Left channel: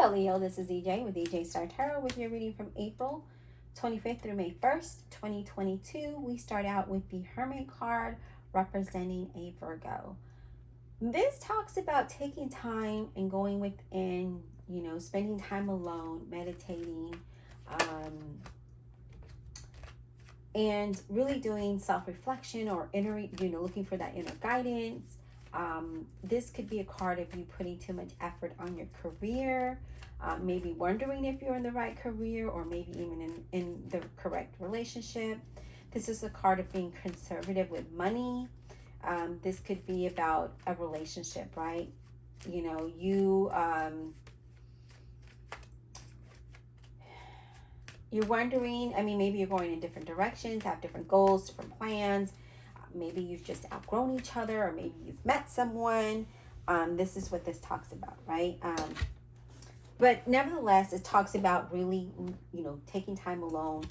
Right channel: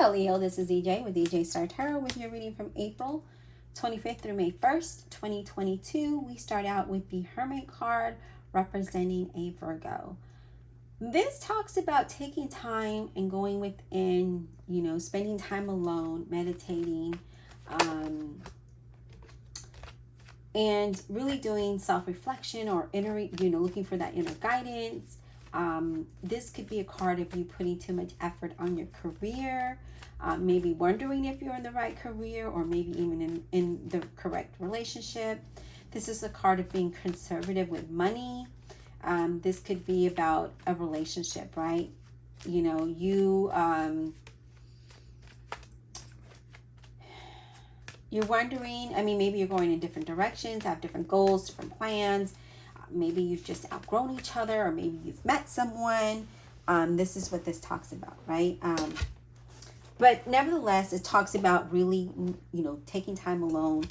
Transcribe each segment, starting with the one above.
Hello, Leo. This is EJ with EJ Star Tarot with your reading from April 25th through May 1st, 2022. We start out with the Hermit card representing a Virgo. This talks about taking time and going within, spending time alone, meditating, and really doing self-reflection or looking for that inner guidance. This could be a card of you putting too much effort on your career, maybe wondering if you're in the right career or maybe even in the correct relationship. This is a card of being conservative with money. This could be about a relationship, right? You're wondering, maybe you're going in different directions, have different goals, different plans. Maybe you've just outgrown each other, or maybe you've met someone. This is what this talks about, right? But nevertheless, it talks about really, taking time alone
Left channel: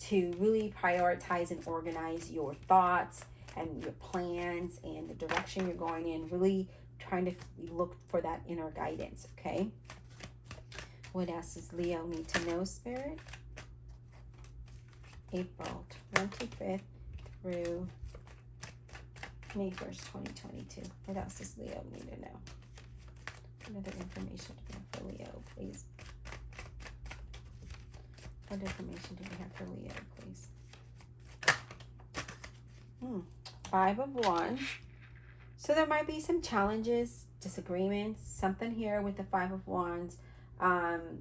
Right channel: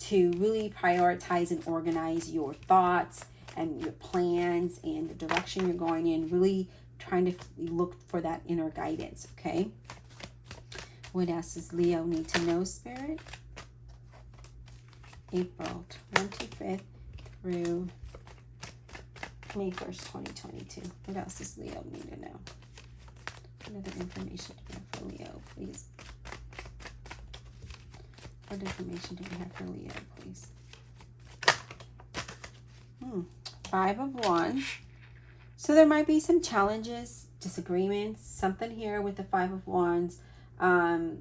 to really prioritize and organize your thoughts and your plans and the direction you're going in, really trying to look for that inner guidance, okay? What else does Leo need to know, Spirit? April 25th through May 1st, 2022. What else does Leo need to know? What other information do we have for Leo, please? What information do we have for Leo, please? 5 of Wands. So there might be some challenges, disagreements, something here with the 5 of Wands.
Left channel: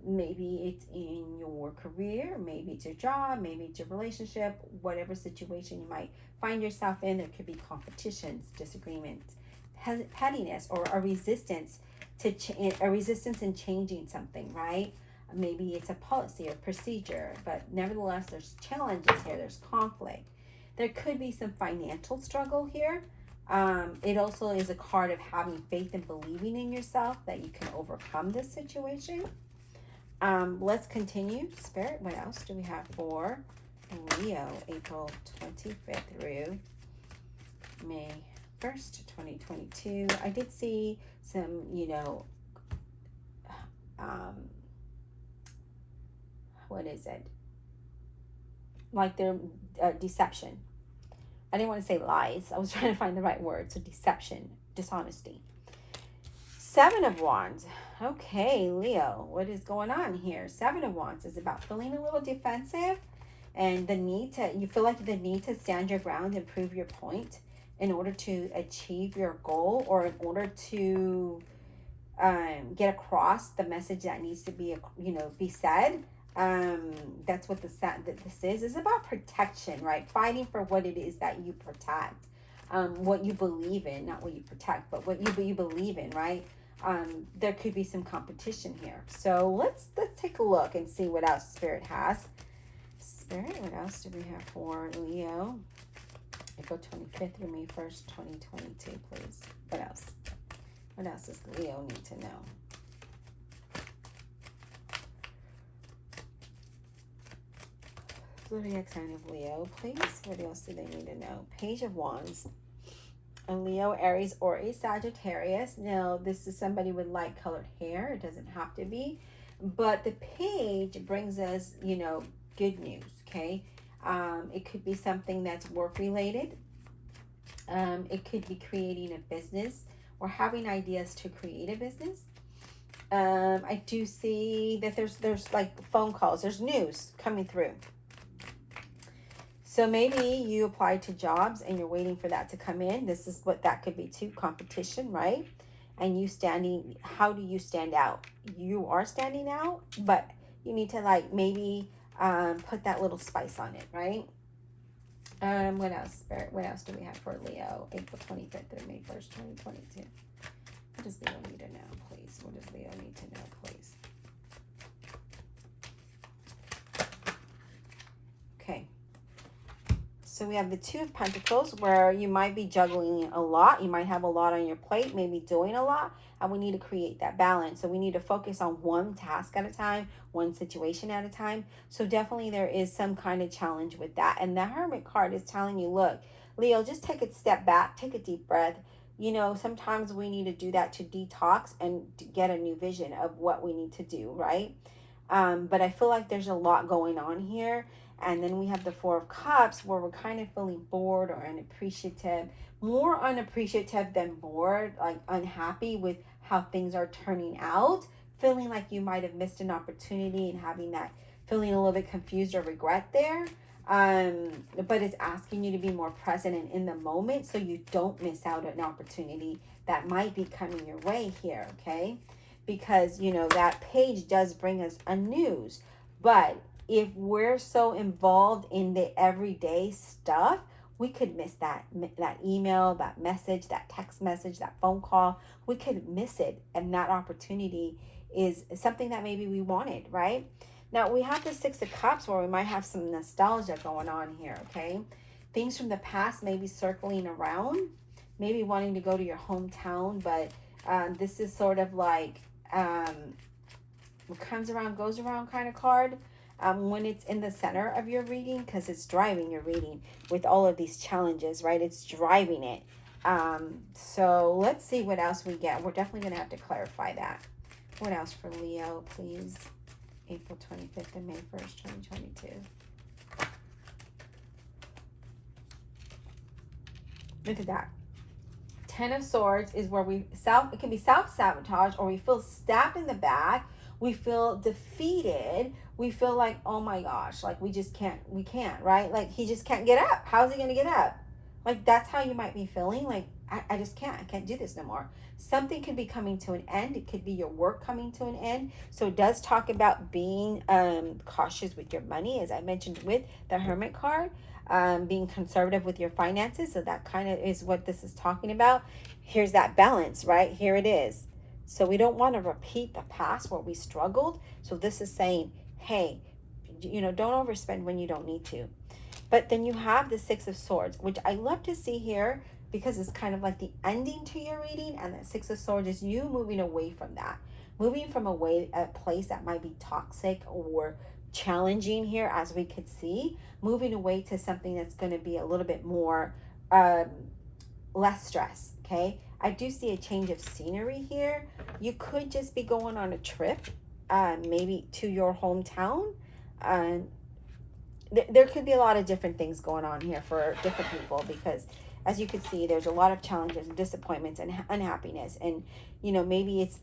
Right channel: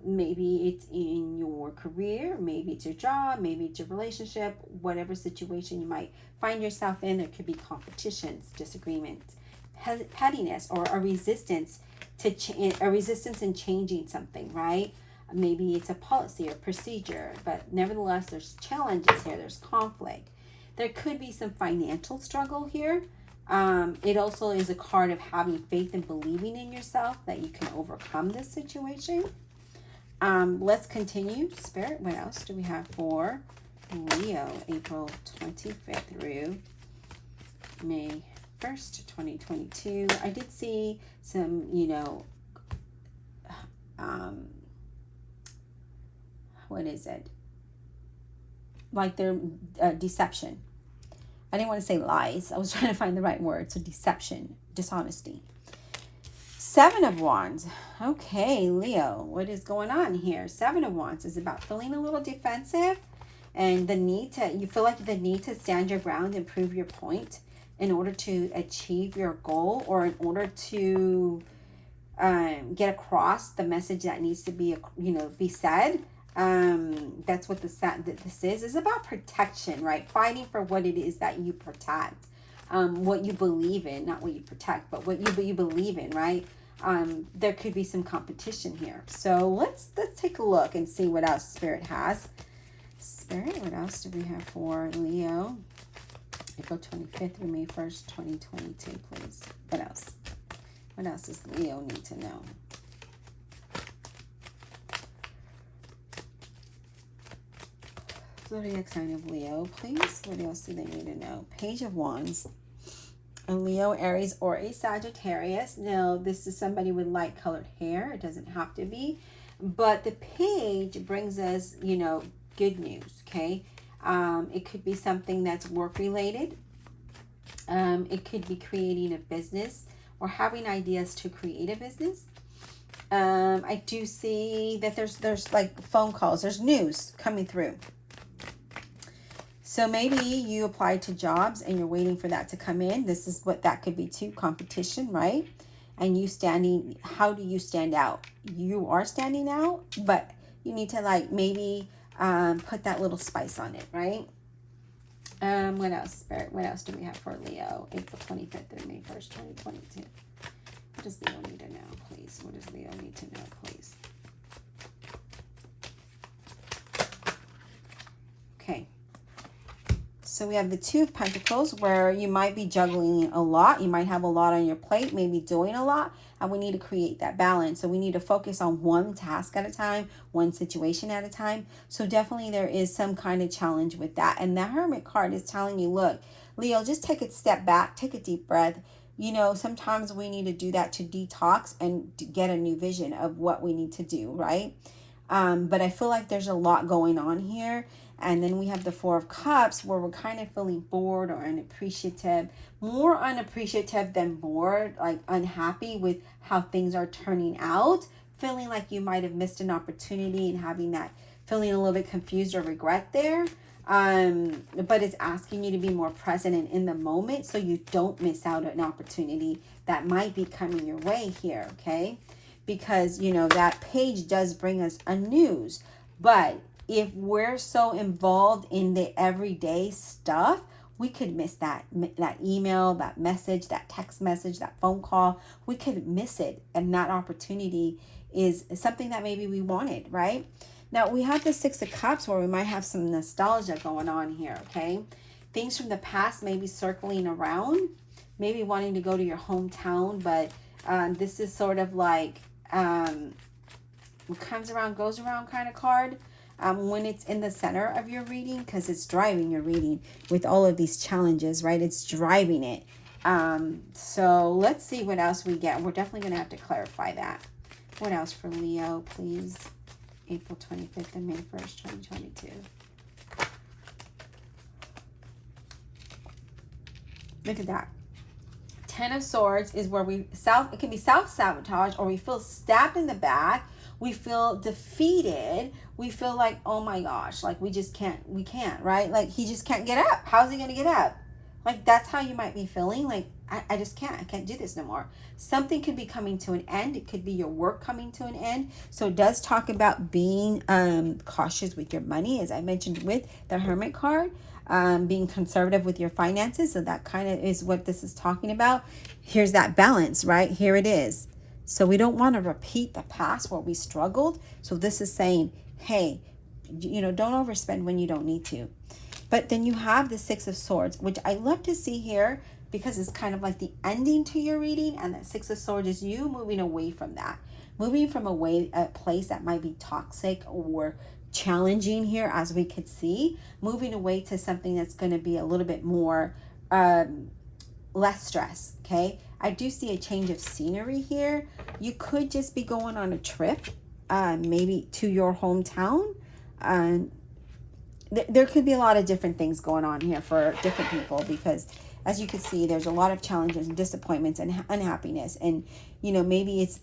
Maybe it's in your career, maybe it's your job, maybe it's your relationship, whatever situation you might find yourself in. There could be competitions, disagreements, pettiness, or a resistance in changing something, right? Maybe it's a policy or procedure, but nevertheless, there's challenges here. There's conflict. There could be some financial struggle here. It also is a card of having faith and believing in yourself that you can overcome this situation. Let's continue. Spirit, what else do we have for Leo, April 25th through May 1st, 2022? I did see some, what is it? Like their deception. I didn't want to say lies. I was trying to find the right word. So deception, dishonesty. 7 of Wands. Okay, Leo, what is going on here? 7 of Wands is about feeling a little defensive and you feel like the need to stand your ground and prove your point in order to achieve your goal, or in order to get across the message that needs to be, be said. That's what this is about protection, right? Fighting for what it is that you protect, what you believe in, not what you protect, but what you believe in, right? There could be some competition here. So let's take a look and see what else Spirit has. Spirit, what else do we have for Leo? April 25th through May 1st, 2022, please. What else? What else does Leo need to know? Zodiac sign of Leo, please. What else do they need to know? Page of Wands. A Leo, Aries, or a Sagittarius. Now, this is somebody with light colored hair. It doesn't have to be. But the page brings us, good news, okay? It could be something that's work related. It could be creating a business or having ideas to create a business. I do see that there's like phone calls. There's news coming through. So maybe you applied to jobs and you're waiting for that to come in. This is what that could be too, competition, right? And how do you stand out? You are standing out, but you need to maybe put that little spice on it, right? What else, Spirit? What else do we have for Leo? April 25th through May 1st, 2022. What does Leo need to know, please? What does Leo need to know, please? Okay. So we have the 2 of Pentacles, where you might be juggling a lot. You might have a lot on your plate, maybe doing a lot, and we need to create that balance. So we need to focus on one task at a time, one situation at a time. So definitely there is some kind of challenge with that. And the Hermit card is telling you, look, Leo, just take a step back, take a deep breath, you know, sometimes we need to do that to detox and to get a new vision of what we need to do, right? But I feel like there's a lot going on here. And then we have the Four of Cups where we're kind of feeling bored or unappreciative, more unappreciative than bored, like unhappy with how things are turning out, feeling like you might have missed an opportunity and having that feeling a little bit confused or regret there. But it's asking you to be more present and in the moment so you don't miss out on an opportunity that might be coming your way here, okay? Because, you know, that page does bring us a news. But if we're so involved in the everyday stuff, we could miss that email, that message, that text message, that phone call. We could miss it. And that opportunity is something that maybe we wanted, right? Now, we have the Six of Cups where we might have some nostalgia going on here, okay? Things from the past maybe circling around, maybe wanting to go to your hometown, but this is sort of like what comes around goes around kind of card when it's in the center of your reading, because it's driving your reading with all of these challenges, right? It's driving it. So let's see what else we get. We're definitely going to have to clarify that. What else for Leo, please? April 25th and May 1st, 2022. Look at that. Ten of Swords is where it can be self-sabotage, or we feel stabbed in the back. We feel defeated. We feel like, oh my gosh, like we can't, right? Like he just can't get up. How's he going to get up? Like that's how you might be feeling. Like I just can't. I can't do this no more. Something could be coming to an end. It could be your work coming to an end. So it does talk about being cautious with your money, as I mentioned with the Hermit card. Being conservative with your finances. So that kind of is what this is talking about. Here's that balance, right? Here it is. So we don't want to repeat the past where we struggled. So this is saying, hey, you know, don't overspend when you don't need to. But then you have the Six of Swords, which I love to see here because it's kind of like the ending to your reading. And that Six of Swords is you moving away from that. Moving from a place that might be toxic or challenging here, as we could see. Moving away to something that's going to be a little bit more, less stress, okay? I do see a change of scenery here. You could just be going on a trip, maybe to your hometown. There could be a lot of different things going on here for different people because, as you can see, there's a lot of challenges and disappointments and unhappiness. And, you know, maybe it's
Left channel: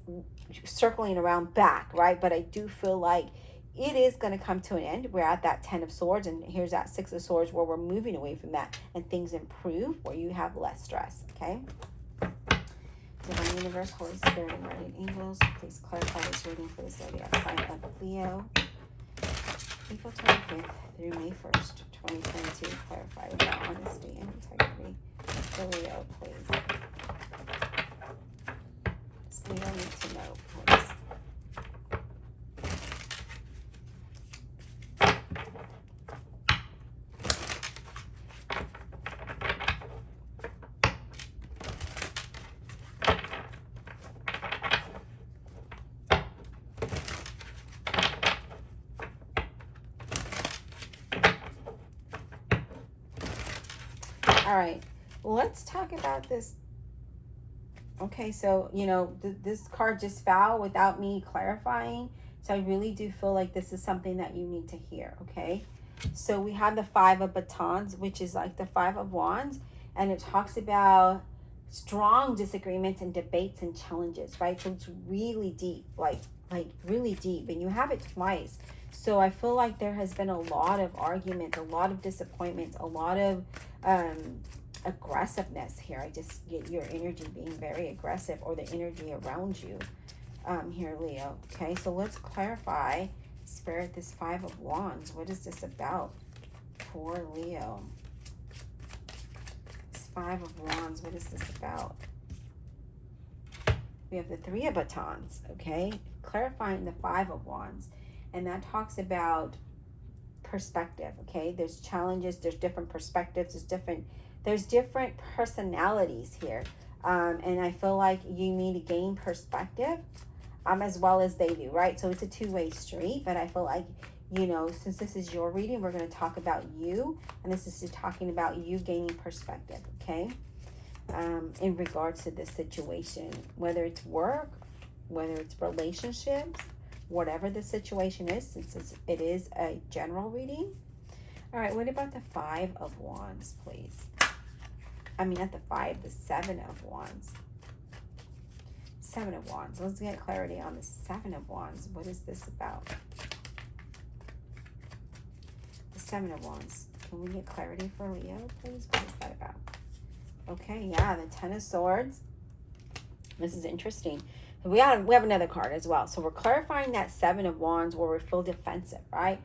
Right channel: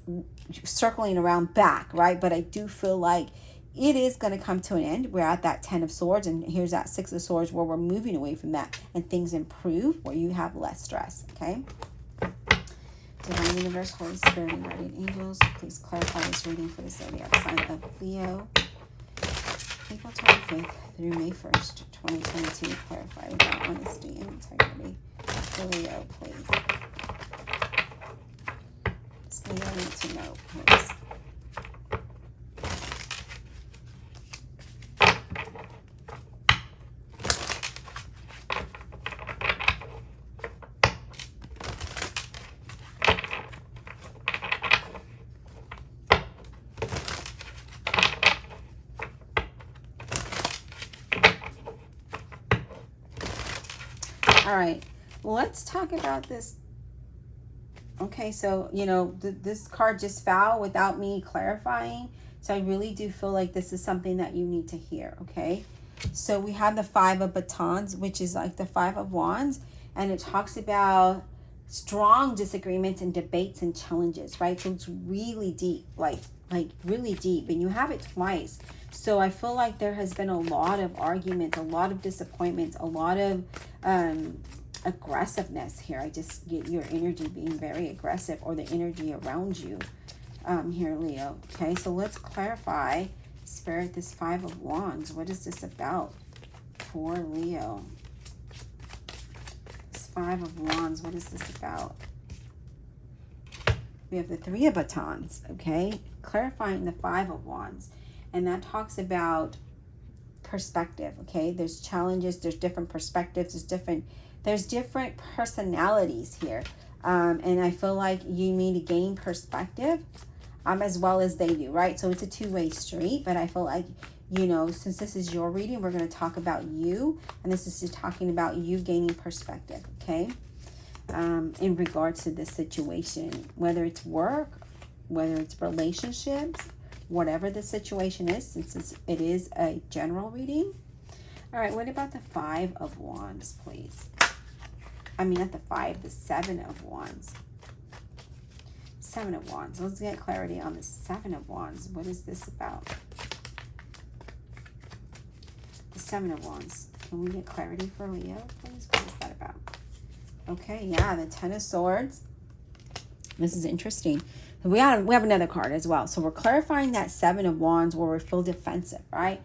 circling around back, right? But I do feel like it is going to come to an end. We're at that Ten of Swords, and here's that Six of Swords where we're moving away from that and things improve where you have less stress, okay? Divine Universe, Holy Spirit, and Guardian Angels, please clarify this reading for the zodiac sign of Leo. April 25th through May 1st, 2022. Clarify without honesty and integrity for Leo, please. Just Leo need to know, please. All right, let's talk about this. Okay, so, you know, this card just fell without me clarifying. So I really do feel like this is something that you need to hear, okay? So we have the Five of Batons, which is like the Five of Wands. And it talks about strong disagreements and debates and challenges, right? So it's really deep, like really deep. And you have it twice. So I feel like there has been a lot of arguments, a lot of disappointments, a lot of aggressiveness here. I just get your energy being very aggressive, or the energy around you here, Leo. Okay, so let's clarify, Spirit, this Five of Wands. What is this about for Leo? This Five of Wands, what is this about? We have the Three of Batons, okay? Clarifying the Five of Wands. And that talks about perspective, okay? There's challenges, there's different perspectives, there's different personalities here. And I feel like you need to gain perspective as well as they do, right? So it's a two-way street, but I feel like, you know, since this is your reading, we're going to talk about you, and this is talking about you gaining perspective, okay? in regards to this situation, whether it's work, whether it's relationships, whatever the situation is, since it is a general reading. All right, what about the Five of Wands, please? I mean, not the five, the Seven of Wands. Seven of Wands. Let's get clarity on the Seven of Wands. What is this about? The Seven of Wands. Can we get clarity for Leo, please? What is that about? Okay, yeah, the Ten of Swords. This is interesting. We have another card as well. So we're clarifying that Seven of Wands where we feel defensive, right?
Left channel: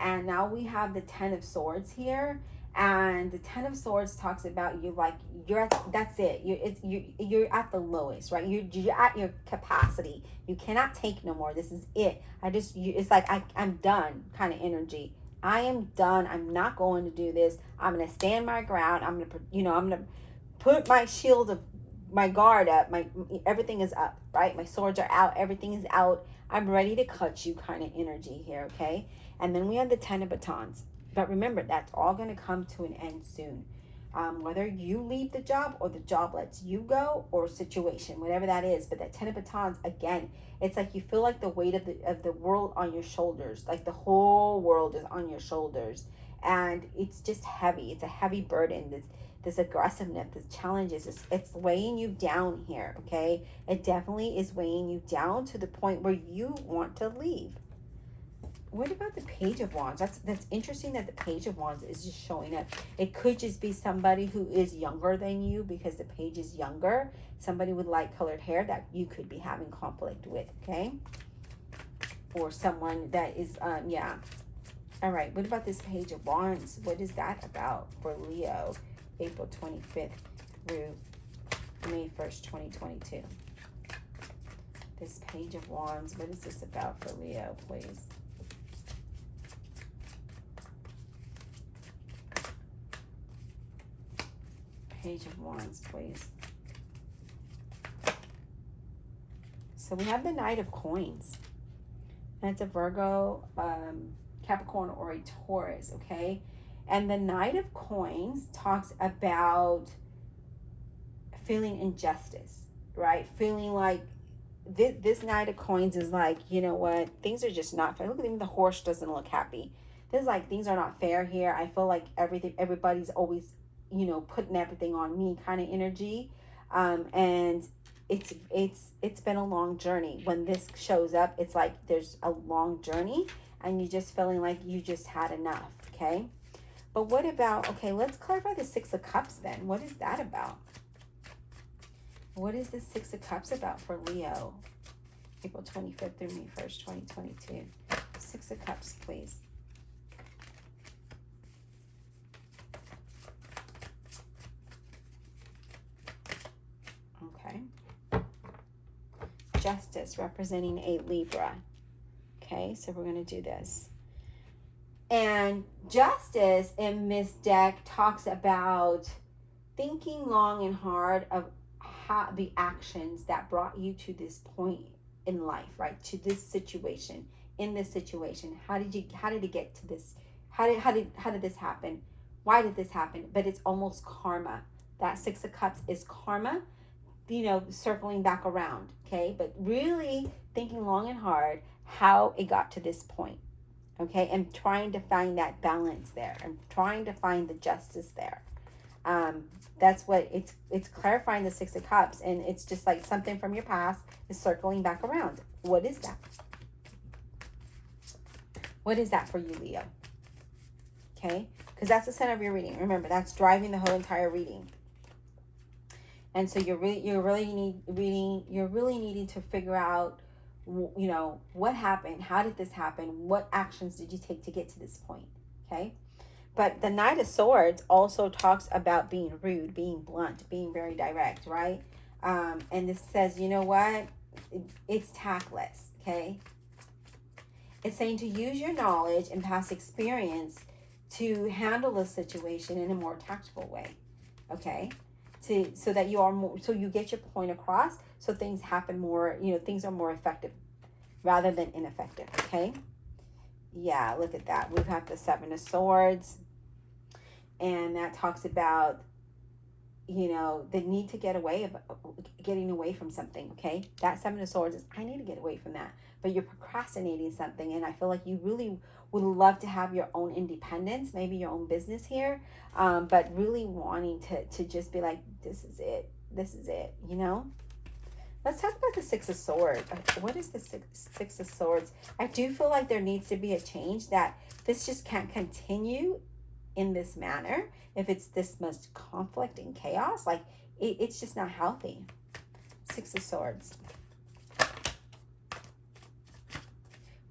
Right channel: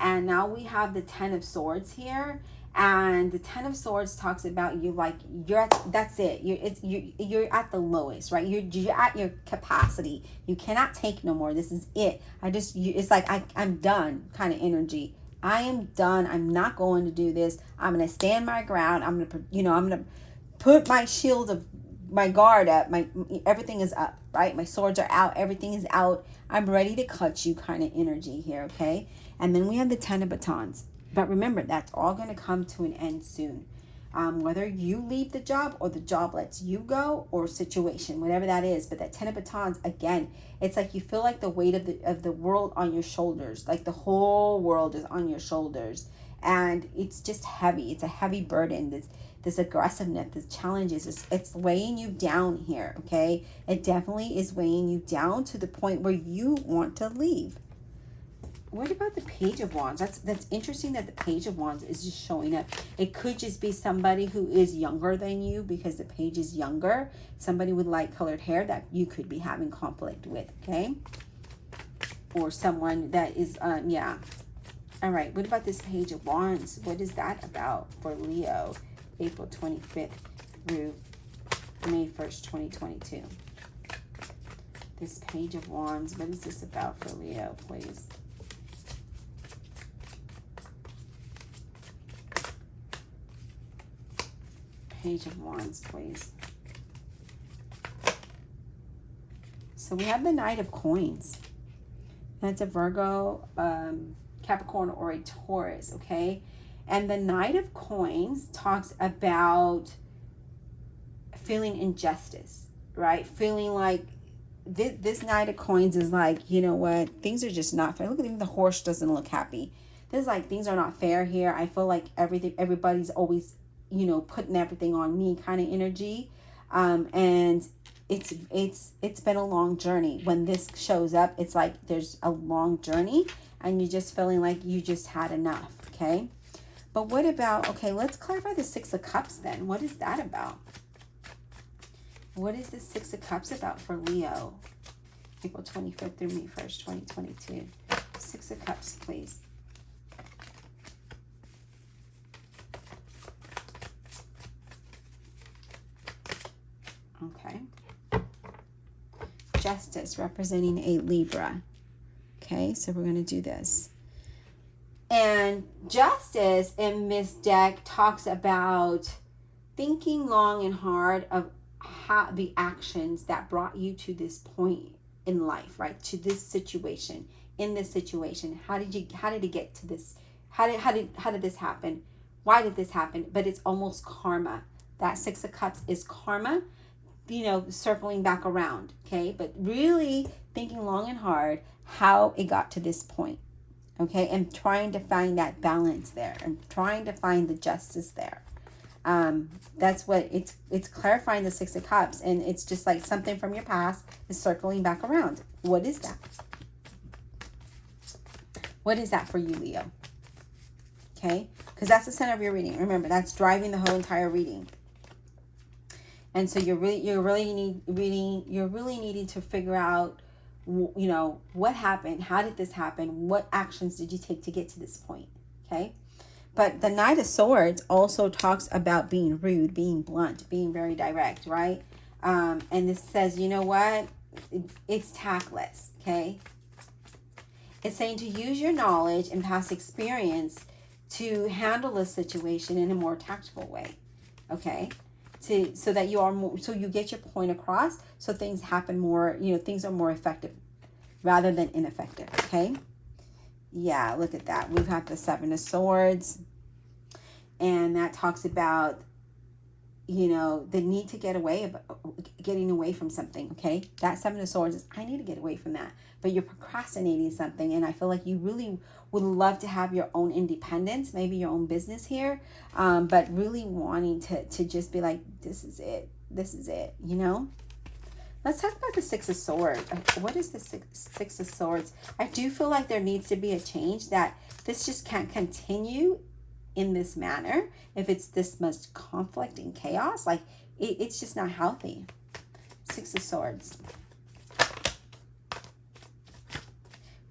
And now we have the Ten of Swords here. And the Ten of Swords talks about you like you're at, that's it. You're at the lowest, right? You're at your capacity. You cannot take no more. This is it. It's like I'm done kind of energy. I am done. I'm not going to do this. I'm gonna stand my ground. I'm gonna put my shield of my guard up. Everything is up, right? My swords are out. Everything is out. I'm ready to cut you kind of energy here, okay? And then we have the Ten of Batons. But remember, that's all going to come to an end soon. Whether you leave the job or the job lets you go, or situation, whatever that is. But that Ten of Batons, again, it's like you feel like the weight of the world on your shoulders. Like the whole world is on your shoulders. And it's just heavy. It's a heavy burden. This aggressiveness, this challenges, it's weighing you down here, okay? It definitely is weighing you down to the point where you want to leave. What about the Page of Wands? That's interesting that the Page of Wands is just showing up. It could just be somebody who is younger than you because the page is younger. Somebody with light colored hair that you could be having conflict with, okay? Or someone that is, yeah. All right, what about this Page of Wands? What is that about for Leo? April 25th through May 1st, 2022. This Page of Wands, what is this about for Leo, please? Page of Wands, please. So we have the Knight of Coins. That's a Virgo, Capricorn, or a Taurus, okay? And the Knight of Coins talks about feeling injustice, right? Feeling like this Knight of Coins is like, you know what? Things are just not fair. Look at him, the horse doesn't look happy. There's like, things are not fair here. I feel like everybody's always, putting everything on me kind of energy. And it's been a long journey. When this shows up, it's like there's a long journey and you're just feeling like you just had enough, okay? But what about, okay, let's clarify the Six of Cups then. What is that about? What is the Six of Cups about for Leo? April 25th through May 1st, 2022. Six of Cups, please. Okay. Justice representing a Libra. Okay, so we're going to do this. And Justice in this deck talks about thinking long and hard of how the actions that brought you to this point in life, right? To this situation, in this situation. How did it get to this? How did this happen? Why did this happen? But it's almost karma. That Six of Cups is karma, circling back around, okay? But really thinking long and hard how it got to this point, okay? And trying to find that balance there and trying to find the justice there. That's what it's clarifying, the Six of Cups, and it's just like something from your past is circling back around. What is that? What is that for you, Leo? Okay, because that's the center of your reading. Remember, that's driving the whole entire reading. And so you're really needing to figure out, what happened? How did this happen? What actions did you take to get to this point? Okay. But the Knight of Swords also talks about being rude, being blunt, being very direct, right? And this says, you know what? It's tactless, okay? It's saying to use your knowledge and past experience to handle a situation in a more tactful way, okay? So that you get your point across, so things happen more, things are more effective rather than ineffective, okay? Yeah, look at that. We've got the Seven of Swords, and that talks about you know, the need to getting away from something. Okay, that Seven of Swords is, I need to get away from that, but you're procrastinating something, and I feel like you really would love to have your own independence, maybe your own business here, but really wanting to just be like, this is it, you know. Let's talk about the Six of Swords. What is the Six of Swords? I do feel like there needs to be a change, that this just can't continue in this manner. If it's this much conflict and chaos, like it's just not healthy. Six of Swords.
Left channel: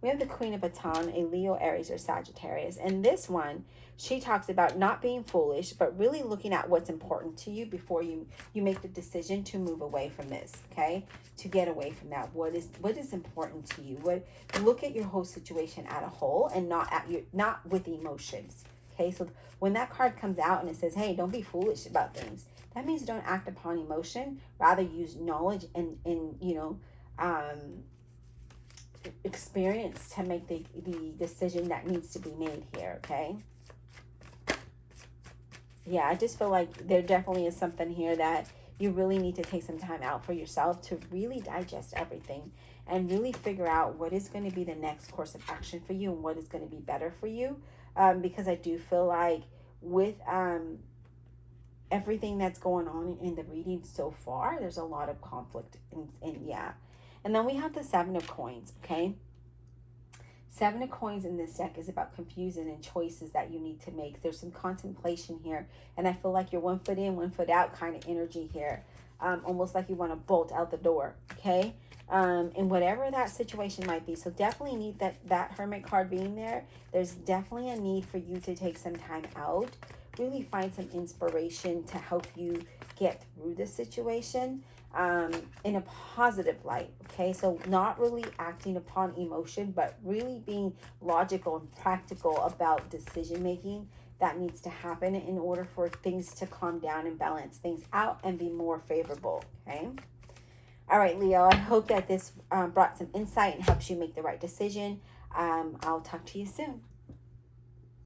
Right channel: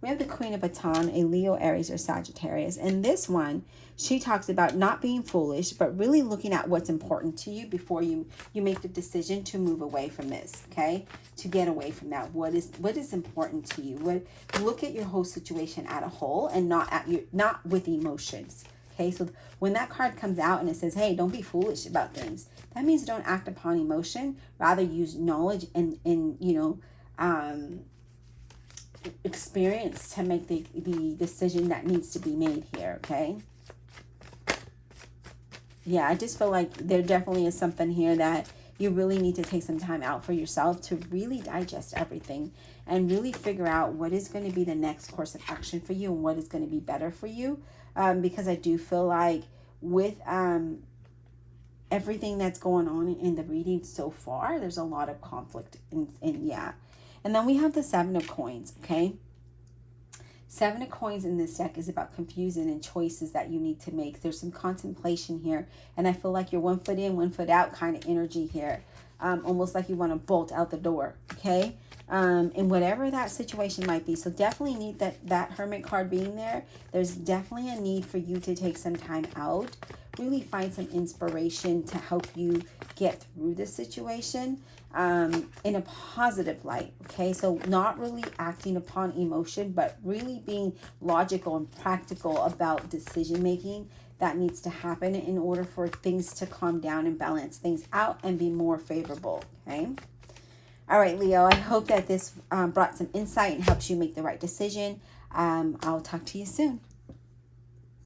We have the Queen of Baton, a Leo, Aries, or Sagittarius. And this one, she talks about not being foolish, but really looking at what's important to you before you make the decision to move away from this, okay? To get away from that. What is important to you? Look at your whole situation at a whole, and not with emotions. Okay, so when that card comes out and it says, hey, don't be foolish about things, that means don't act upon emotion, rather use knowledge and you know, experience to make the decision that needs to be made here, okay? Yeah, I just feel like there definitely is something here that you really need to take some time out for yourself to really digest everything and really figure out what is going to be the next course of action for you and what is going to be better for you. Because I do feel like with everything that's going on in the reading so far, there's a lot of conflict. And yeah. And then we have the Seven of Coins, okay? Seven of Coins in this deck is about confusion and choices that you need to make. There's some contemplation here, and I feel like you're 1 foot in, 1 foot out kind of energy here. Almost like you want to bolt out the door, okay? And whatever that situation might be. So definitely need that Hermit card being there. There's definitely a need for you to take some time out. Really find some inspiration to help you get through this situation in a positive light, okay? So not really acting upon emotion, but really being logical and practical about decision making that needs to happen in order for things to calm down and balance things out and be more favorable, okay? All right, Leo, I hope that this brought some insight and helps you make the right decision. I'll talk to you soon.